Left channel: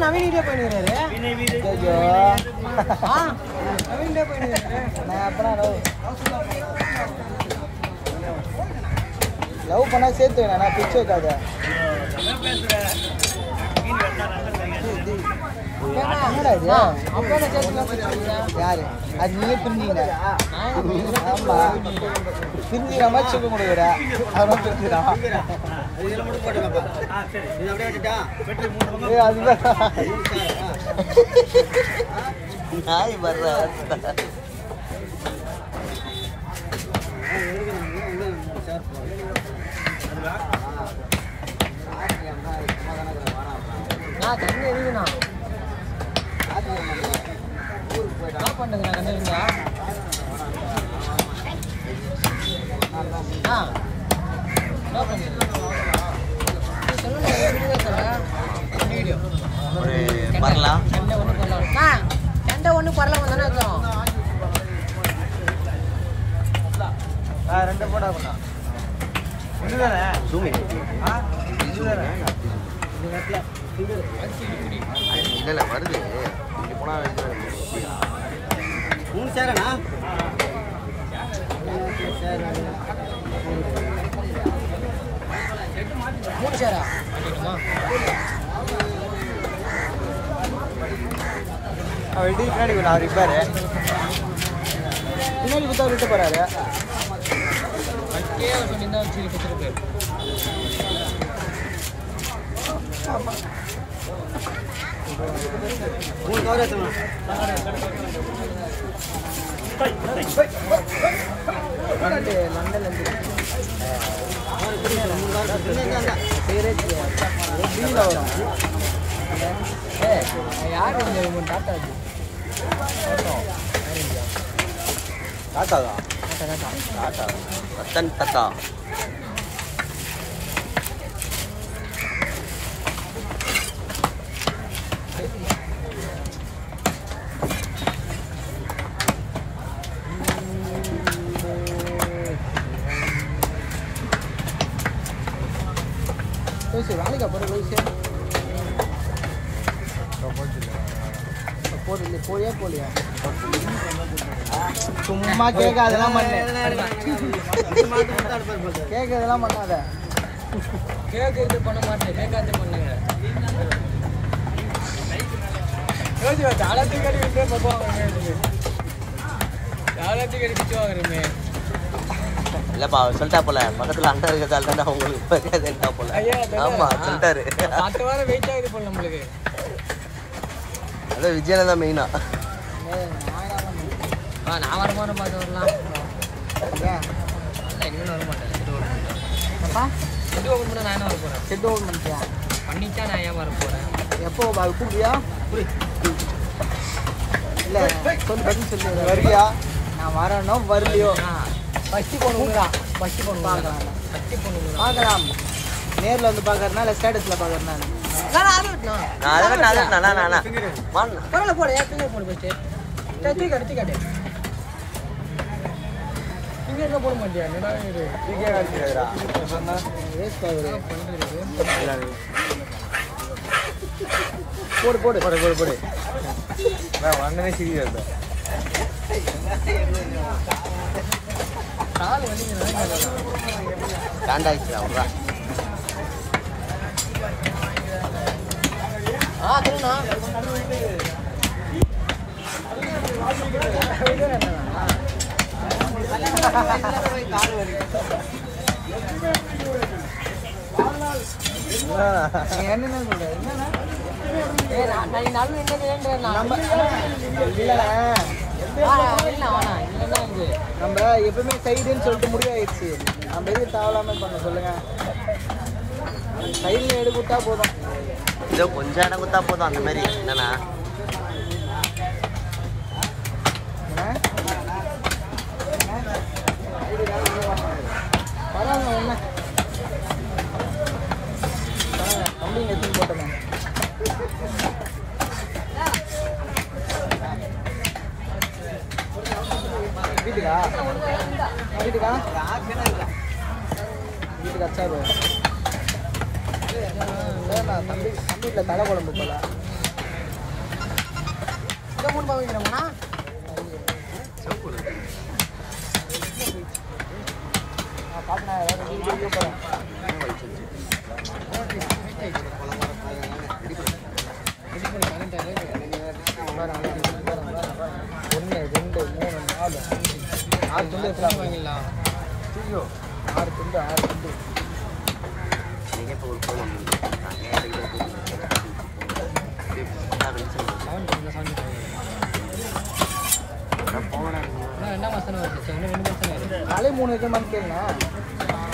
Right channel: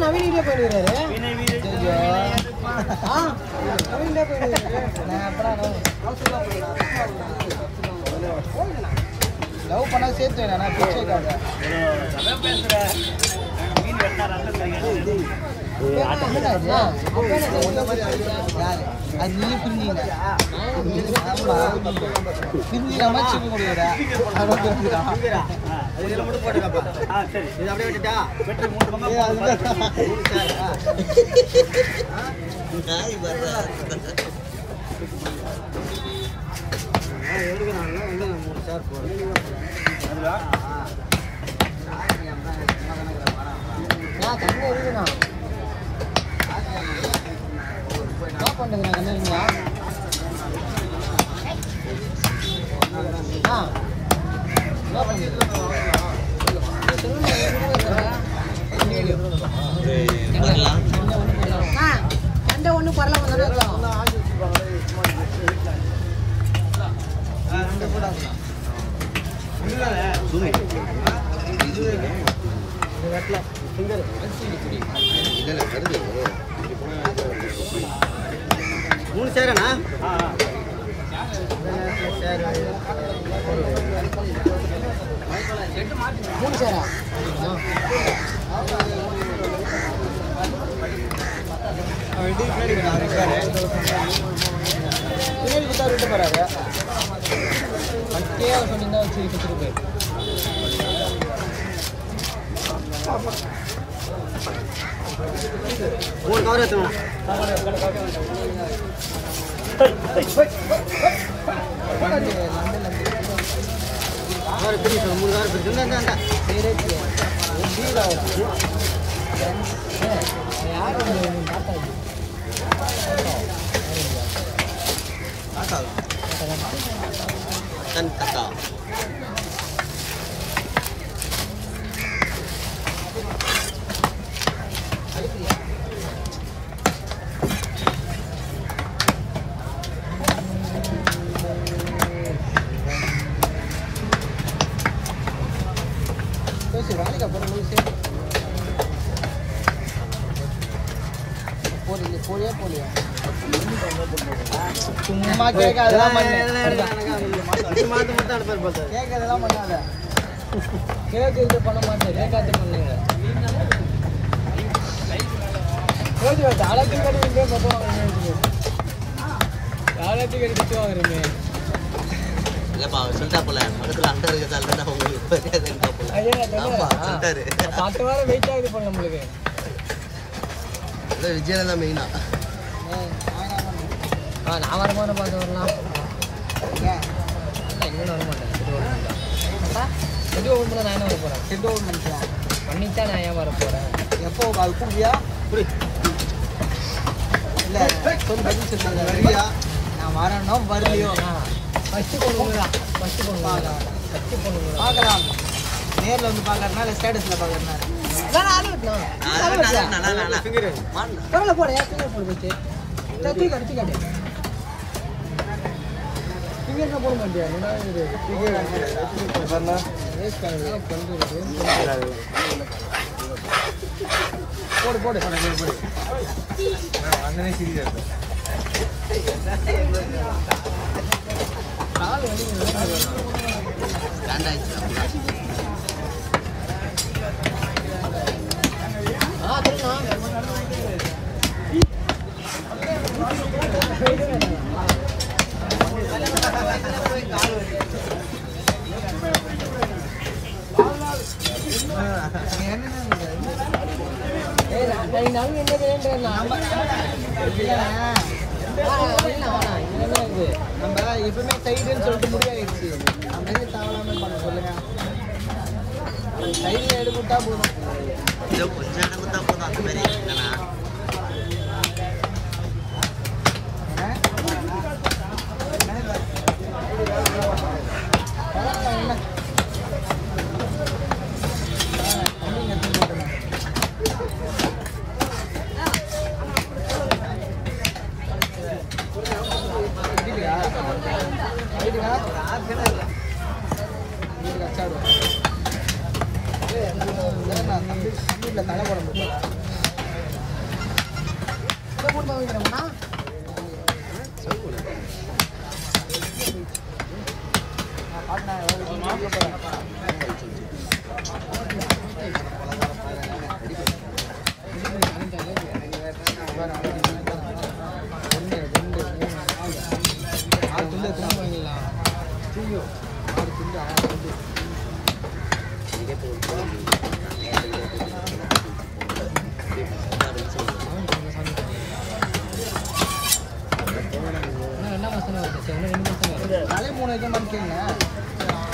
नवीन इधे पहन रहे हाँ नवीन इधे पहन रहे लव बना सेते ना पीछे का है हां अपना चलने का पीछे यार आज नहीं पिन्नी है पिन्नी ना चुप मुड़ेरा पिन्नीरा அதெல்லாம் மட்டும் போடுங்கப்பா சரி இது அப்படியே விட்டுட்டா வெட்டி மூணு பங்கு நாய் வர்றா எதுக்கு நான் மூணு சார் போறேன் நான் தண்ணி இருக்குனா என்ன பண்ணுங்க நான் தண்ணி இருக்குங்க என்ன பண்ணுங்க ஒரு வரலாம் சண்டை ஒன்று பரலாம் தானே இருக்கும் இல்லை வருது இங்கே போனால் மூணு சேரண்ணா மூணு சேரா சொன்னீங்கன்னா வச்சு கொடுத்துருக்கு மூணு கவர் எடுத்துக்கணும் மூணு கவர் யார் டாட்டா ரத்தன் தக்கா சும்மா கேட்காதெல்லாம் பண்ணாத கேட்கறது பண்ண மாட்டேன் கேட்காது பண்ணுங்க தாளத்துக்கு கட்டி பிச்சு வாங்குறமே இல்லப்பா சொல்லிட்டா போல பக்கத்துல அண்டா இருக்கிறதால தானே உங்களுக்கு மரியாதைட்டா போல ஆமா சொல்லிட்டாரு 10 வாரம் வெயிட் ஆகுது போல நம்மளுக்கு அதான் விஜயனை தான் மெயினா நான் வரமான பார்த்து வரலாம் இல்லை இன்னும் வர மாட்டேன் செட்டு ஓப்பன் பண்ண நானே வர போகிறேன் செட்டு ஓப்பன் பண்ணிட்டா நான் ஏன் வர போகிறேன் எப்போ கூப்பியா புரி இல்லை வருவியா நான் வரணும் வரலையோ ஃபஸ்ட்டு பொண்ணுங்களா ஃபஸ்ட்டு பொண்ணுங்களா நேரில் வந்து பார்க்கறதுனால ஸ்டேட்டஸில் பார்க்கறதுனால பரவாயில்ல போட ஏன் ஃபிங்கர் போடு போச்சு தூக்கி காட்டு ஃபிங்கர் போட மாட்டியா என்னடா இது போடு வாங்கினே சீரியஸ் கால் வலிங்க ஸ்டாண்ட் ஆயிடுச்சு அவ்வளோதான் தெரியுமா நான் என்னது ஏன்றேன்னா நம்ம எப்பவுமே சைடுன்னு சொல்லிட்டு முடிவாயிடுச்சு. நம்ம எதுவும் தேவலாமல் பண்ண சொல்லுங்க. சைடில் எடுத்துட்டா போதும். இதோ கொஞ்சம் இடம் கொடுத்தா போதும். அந்த மாதிரி என்னன்னா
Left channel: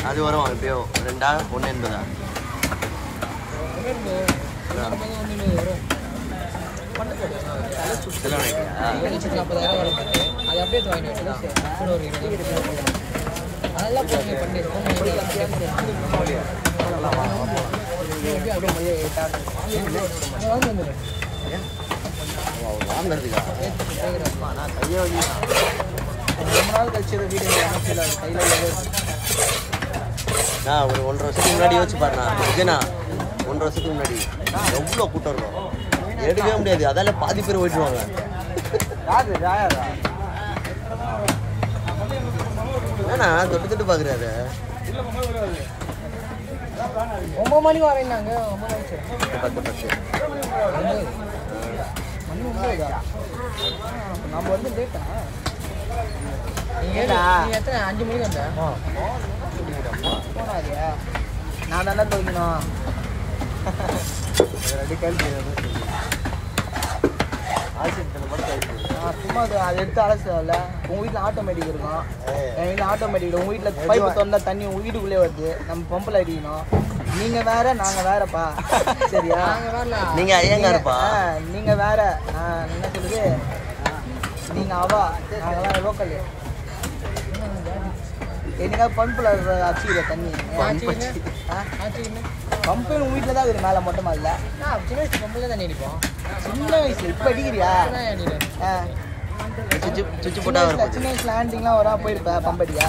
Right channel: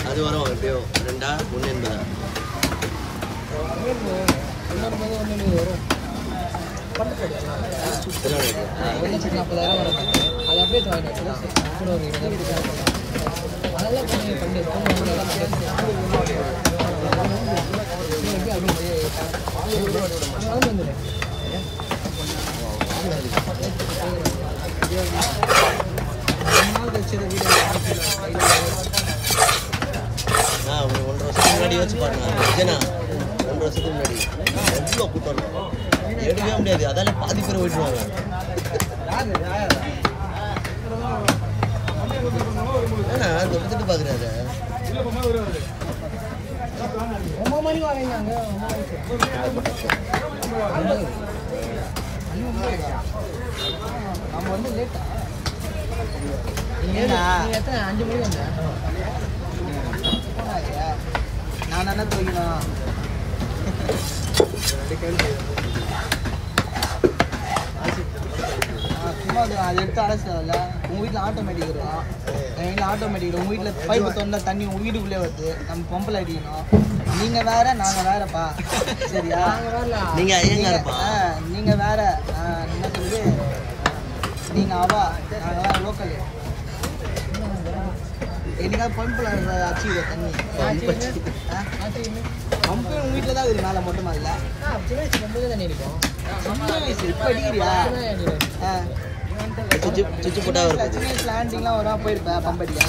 அது வரும் எப்படியோ 2 1 என்பதா $1,40,000 வர மாட்டேன். அது அப்படியே வாங்கி வச்சுதான் கூட ஒரு 20,000 அதெல்லாம் போய் நீங்கள் பண்ணி ஒரு 1.5 வருஷத்துக்கு முன்னாடி யோசிச்சு பாருண்ணா விஜயனா. 1.5 வருஷத்துக்கு முன்னாடி எவ்வளோ கூட்டம் இருக்கும், எடுக்கவே முடியாது. அதால பாதி பேர் ஓட்டுருவாங்க. ஏன்னா தொட்டு தொட்டு பார்க்குறாரு. 9 மணிக்கு வரேன்னாங்க. 10 நீங்கள் எத்தனை 5 மணிக்கு வந்தேன். நான் என்ன தெரிவிக்கணும், சும்மா அது எடுத்து அலசல. உங்கள் வீட்டில் ஆட்டோமேட்டிக் இருக்கும், என் வீட்டில் ஆட்டோமேட்டிக். உங்கள் வீட்டில் பைப்பு திறந்தா தண்ணி உங்கள் வீட்டுக்குள்ளே வருது. நம்ம பம்பில் அடிக்கணும். நீங்கள் வேற, நாங்கள் வேறப்பா. சரியா? நாங்கள் வேறல. நீங்கள் ஐயங்காருப்பா. நீங்கள் வேற. நீங்கள் அவா, நான் வேற லோக்கல். என்னதான் பம்பில் அடிச்சுக்கல தண்ணி. பம்பு உங்கள் வீட்டில் தான் இருக்குது, மேலே மட்டுமா இல்லை? சின்ன வயசு பம்பில் தான் அடிப்போம். சின்ன வயசு இப்போ அடிக்கிறியா? சுவிட்சு போட்டால் வரும்போது ஆண்டிலாம் வரா போயிருப்பேன் பம்படியா.